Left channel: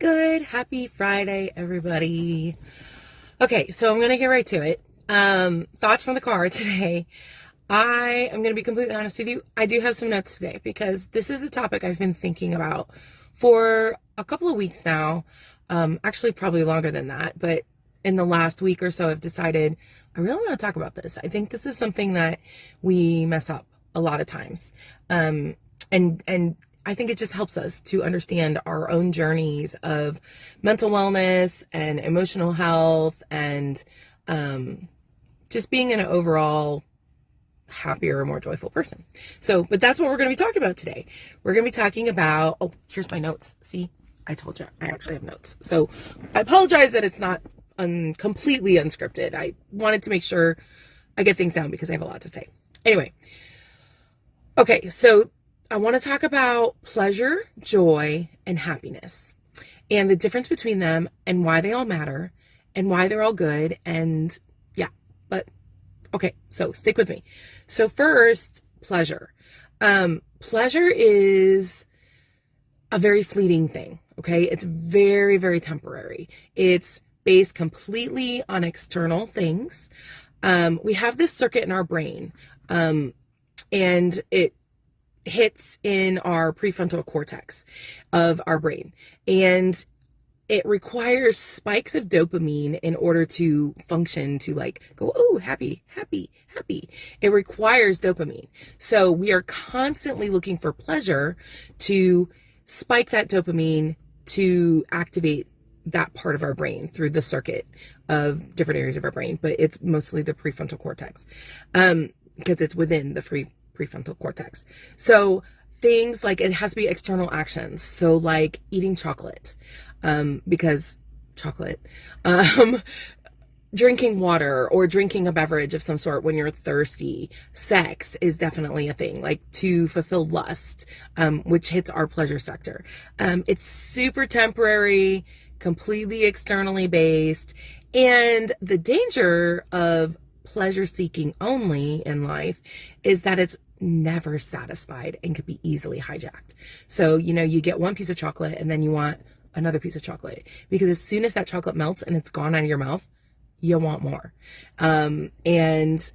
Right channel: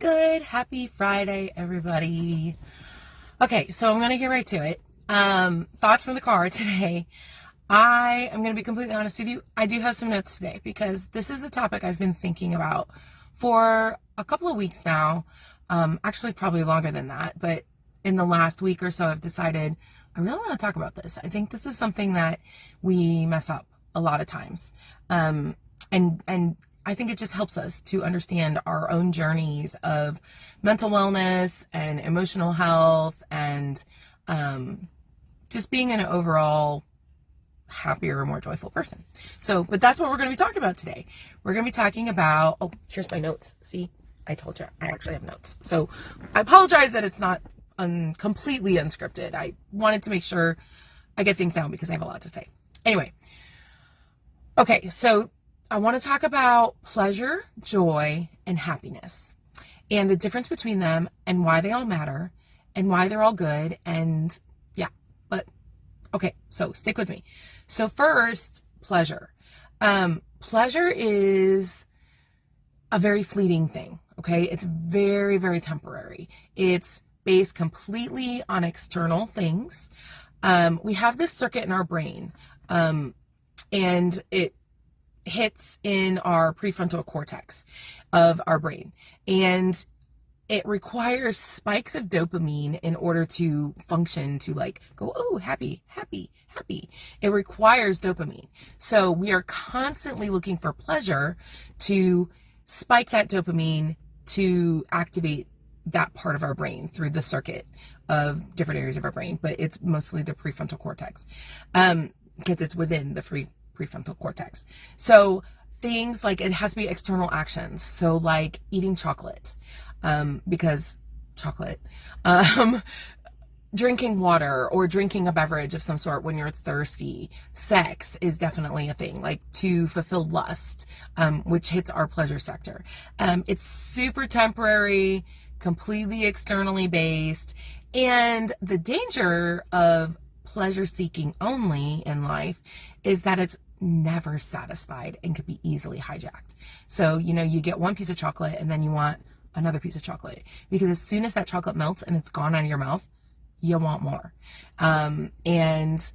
good? Happy Friday, everybody. Okay, so I'm going to get right to it. Thoughts from the car today. I am going to be completely honest with you. I do have some notes today because this is a topic I've been thinking about for a couple of weeks now. Actually, probably longer than that. But in the last week or so, I've decided I really want to talk about this. I think this is something that we mess up a lot of times. And I think it just helps us to understand our own journeys of mental wellness and emotional health and just being an overall happier, more joyful person. But that's what we're going to be talking about today. We're going to be talking about, oh, here's my notes. See, I told you, I actually have notes. So I apologize that it's not completely unscripted. I wanted to make sure I get things down because I have a lot to say. Anyway, okay, so I want to talk about pleasure, joy, and happiness and the difference between them and why they all matter and why they're all good. And yeah, but okay, so stick with me. So first, pleasure. Pleasure is a very fleeting thing, okay? It's very, very temporary. It's based completely on external things. We have this circuit in our brain, and it hits in our prefrontal cortex of our brain. And it requires spikes of dopamine in order to function, to like go, oh, happy, happy, happy. It requires dopamine. So we are constantly looking for pleasure to spike that dopamine to activate that part of our brain through the circuit of different areas of our brain. But it's mostly the prefrontal cortex because it's within the prefrontal cortex. So things like it has to be external actions. So like eating chocolate. Because chocolate, drinking water or drinking a beverage of some sort when you're thirsty. Sex is definitely a thing, like to fulfill lust, which hits our pleasure sector. It's super temporary, completely externally based. And the danger of pleasure seeking only in life is that it's never satisfied and could be easily hijacked. So, you get one piece of chocolate and then you want another piece of chocolate, because as soon as that chocolate melts and it's gone out of your mouth, you want more. And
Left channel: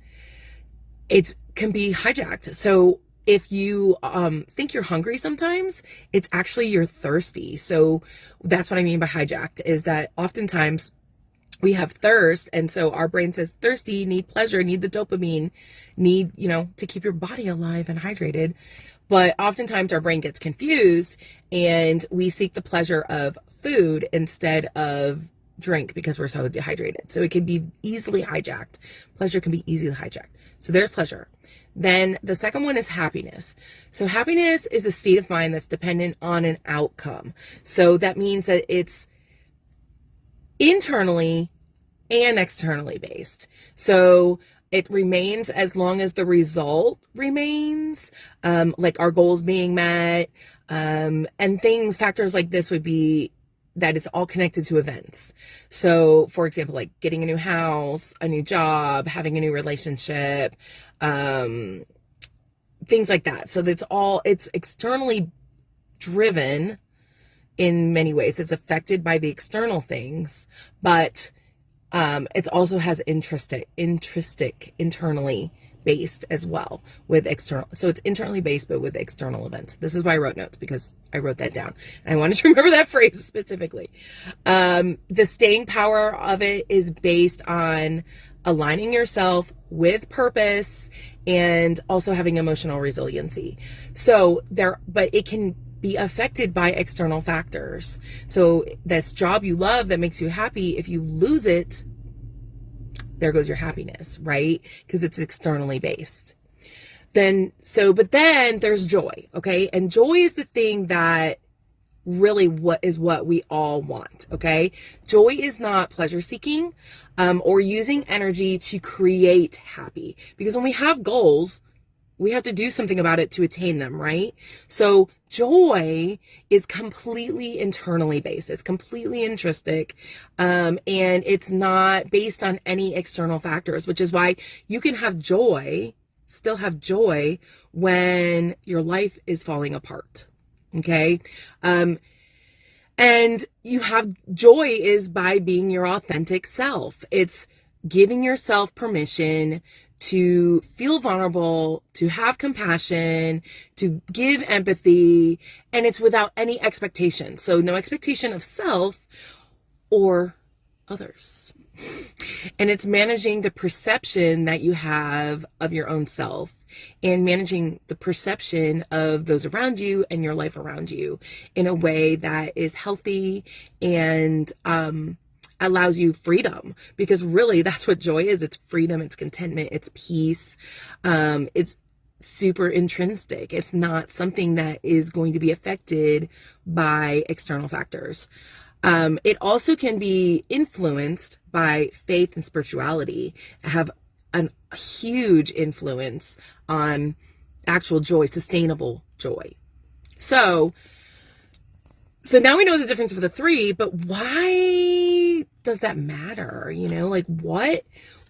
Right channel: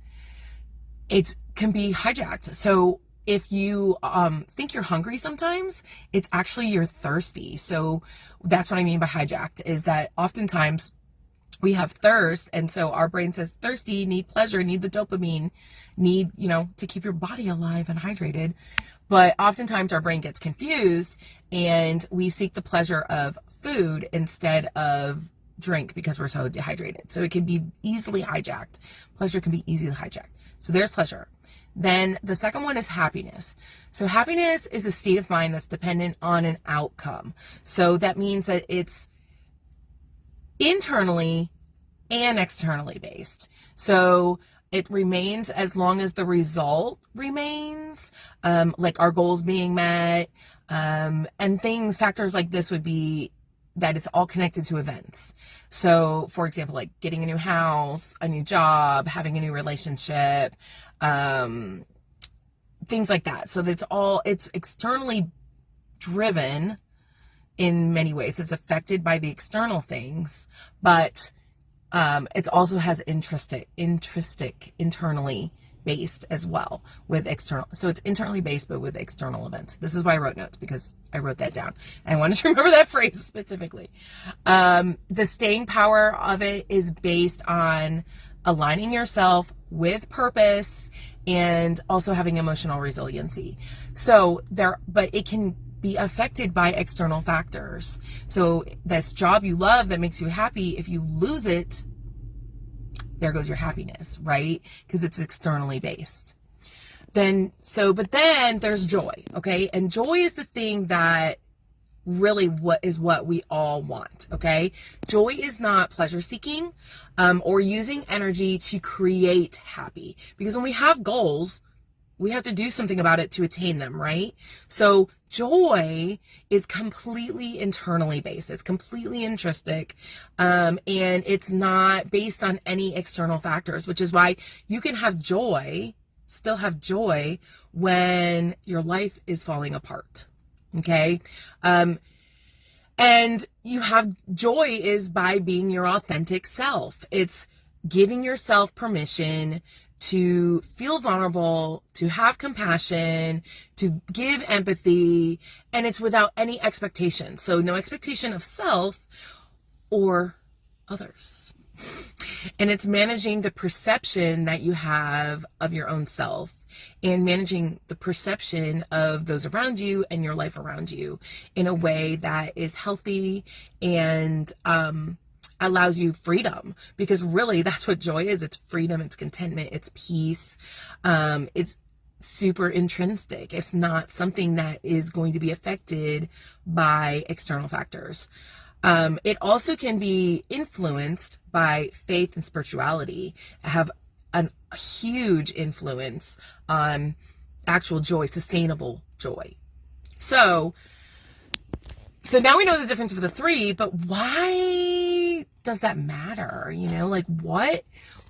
it can be hijacked. So if you think you're hungry sometimes, it's actually you're thirsty. So that's what I mean by hijacked, is that oftentimes we have thirst, and so our brain says thirsty, need pleasure, need the dopamine, need, to keep your body alive and hydrated. But oftentimes our brain gets confused and we seek the pleasure of food instead of drink because we're so dehydrated. So it can be easily hijacked. Pleasure can be easily hijacked. So there's pleasure. Then the second one is happiness. So happiness is a state of mind that's dependent on an outcome. So that means that it's internally and externally based. So it remains as long as the result remains, like our goals being met, and factors like this would be that it's all connected to events. So for example, like getting a new house, a new job, having a new relationship, things like that. So it's externally driven in many ways. It's affected by the external things, but it also has intrinsic, internally based as well with external. So it's internally based, but with external events. This is why I wrote notes, because I wrote that down. I wanted to remember that phrase specifically. The staying power of it is based on aligning yourself with purpose and also having emotional resiliency. But it can be affected by external factors. So this job you love that makes you happy, if you lose it, there goes your happiness, right? Because it's externally based. But then there's joy, okay? And joy is the thing that really what we all want, okay? Joy is not pleasure seeking or using energy to create happy. Because when we have goals, we have to do something about it to attain them, right? So joy is completely internally based. It's completely intrinsic, and it's not based on any external factors, which is why you can have joy, still have joy when your life is falling apart, okay? And you have joy is by being your authentic self. It's giving yourself permission to feel vulnerable, to have compassion, to give empathy, and it's without any expectation. So no expectation of self or others. And it's managing the perception that you have of your own self and managing the perception of those around you and your life around you in a way that is healthy and allows you freedom, because really that's what joy is. It's freedom, it's contentment, it's peace. It's super intrinsic. It's not something that is going to be affected by external factors. It also can be influenced by faith and spirituality, have a huge influence on actual joy, sustainable joy. So now we know the difference of the three, but why does that matter? Like what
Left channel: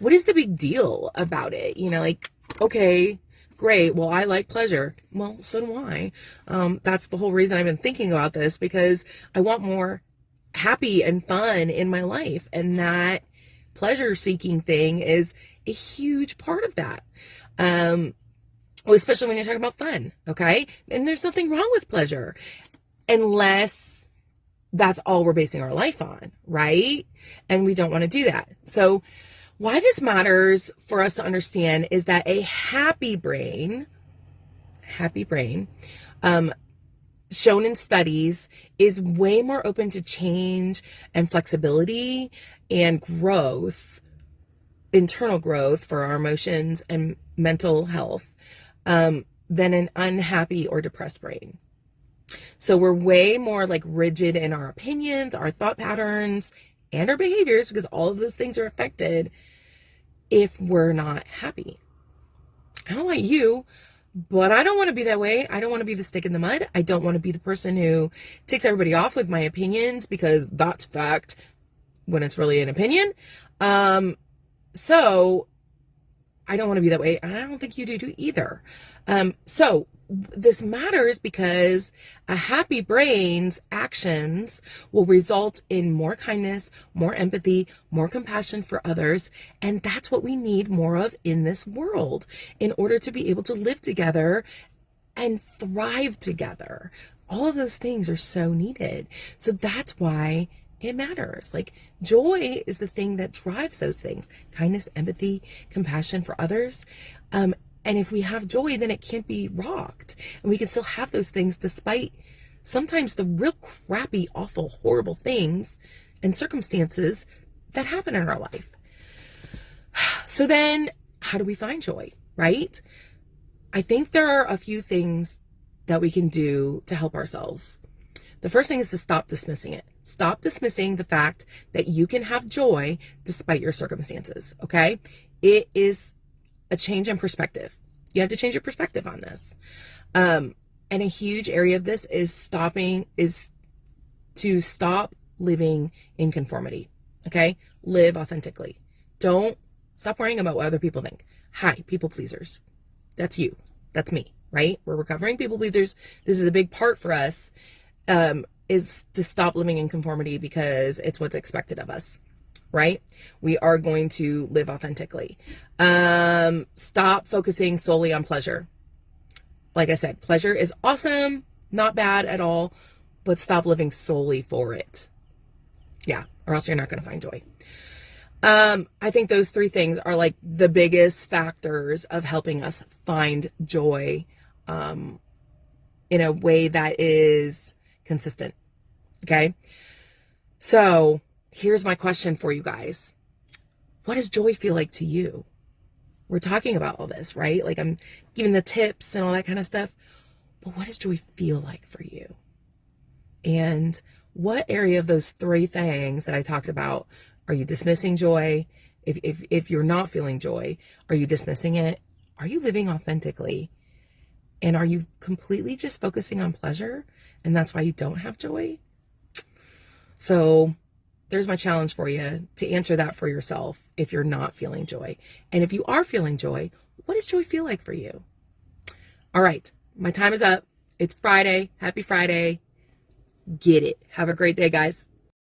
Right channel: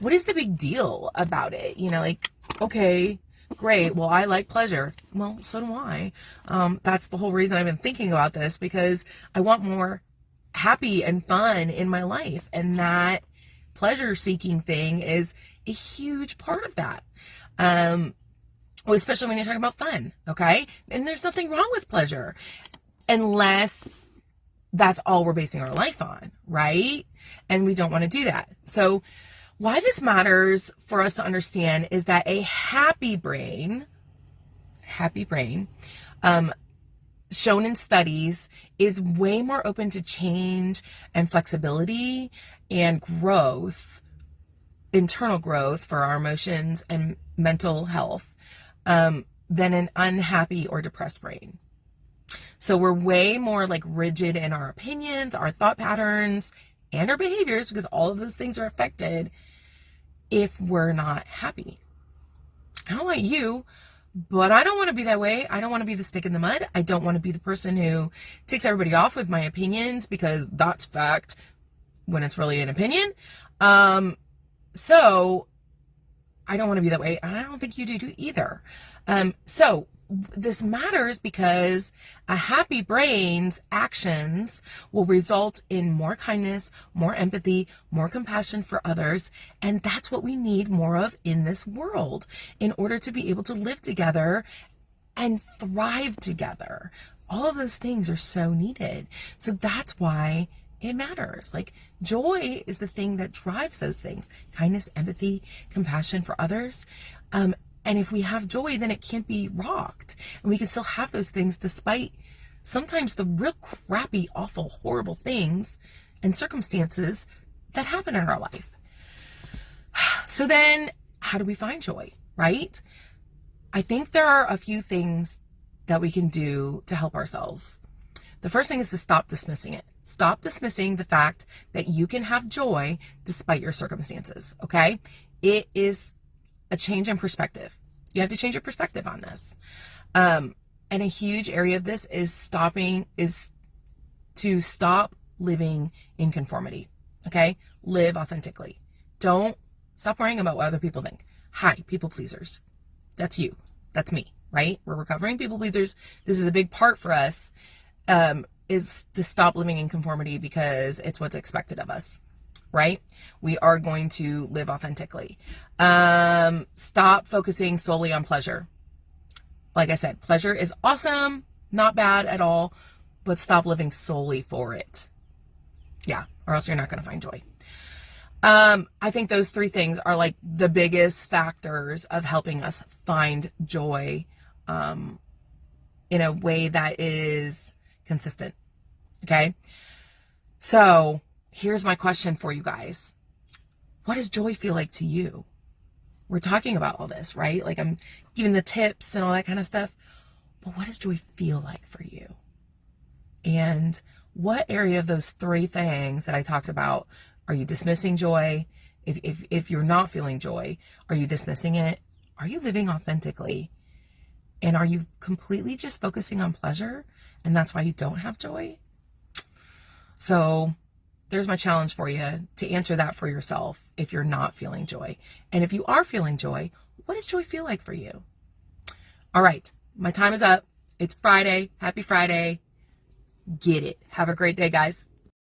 is the big deal about it? Like, okay, great. Well, I like pleasure. Well, so do I. That's the whole reason I've been thinking about this, because I want more happy and fun in my life. And that pleasure seeking thing is a huge part of that. Especially when you're talking about fun. Okay. And there's nothing wrong with pleasure unless that's all we're basing our life on. Right. And we don't want to do that. So why this matters for us to understand is that a happy brain, shown in studies, is way more open to change and flexibility and growth, internal growth for our emotions and mental health, than an unhappy or depressed brain. So we're way more like rigid in our opinions, our thought patterns, and our behaviors, because all of those things are affected if we're not happy. I don't want you, but I don't want to be that way. I don't want to be the stick in the mud. I don't want to be the person who takes everybody off with my opinions because that's fact when it's really an opinion. So I don't want to be that way. And I don't think you do either. So this matters because a happy brain's actions will result in more kindness, more empathy, more compassion for others. And that's what we need more of in this world in order to be able to live together and thrive together. All of those things are so needed. So that's why it matters. Like, joy is the thing that drives those things: kindness, empathy, compassion for others. And if we have joy, then it can't be rocked. And we can still have those things despite sometimes the real crappy, awful, horrible things and circumstances that happen in our life. So then how do we find joy, right? I think there are a few things that we can do to help ourselves. The first thing is to stop dismissing it. Stop dismissing the fact that you can have joy despite your circumstances, okay? It is a change in perspective. You have to change your perspective on this. And a huge area of this is to stop living in conformity. Okay? Live authentically. Don't stop worrying about what other people think. Hi, people pleasers. That's you. That's me, right? We're recovering people pleasers. This is a big part for us, is to stop living in conformity because it's what's expected of us. Right? We are going to live authentically. Stop focusing solely on pleasure. Like I said, pleasure is awesome, not bad at all, but stop living solely for it. Yeah, or else you're not going to find joy. I think those three things are like the biggest factors of helping us find joy in a way that is consistent. Okay? So here's my question for you guys. What does joy feel like to you? We're talking about all this, right? Like, I'm giving the tips and all that kind of stuff. But what does joy feel like for you? And what area of those three things that I talked about are you dismissing joy? If you're not feeling joy, are you dismissing it? Are you living authentically? And are you completely just focusing on pleasure? And that's why you don't have joy? So there's my challenge for you to answer that for yourself if you're not feeling joy. And if you are feeling joy, what does joy feel like for you? All right, my time is up. It's Friday. Happy Friday. get it. Have a great day, guys.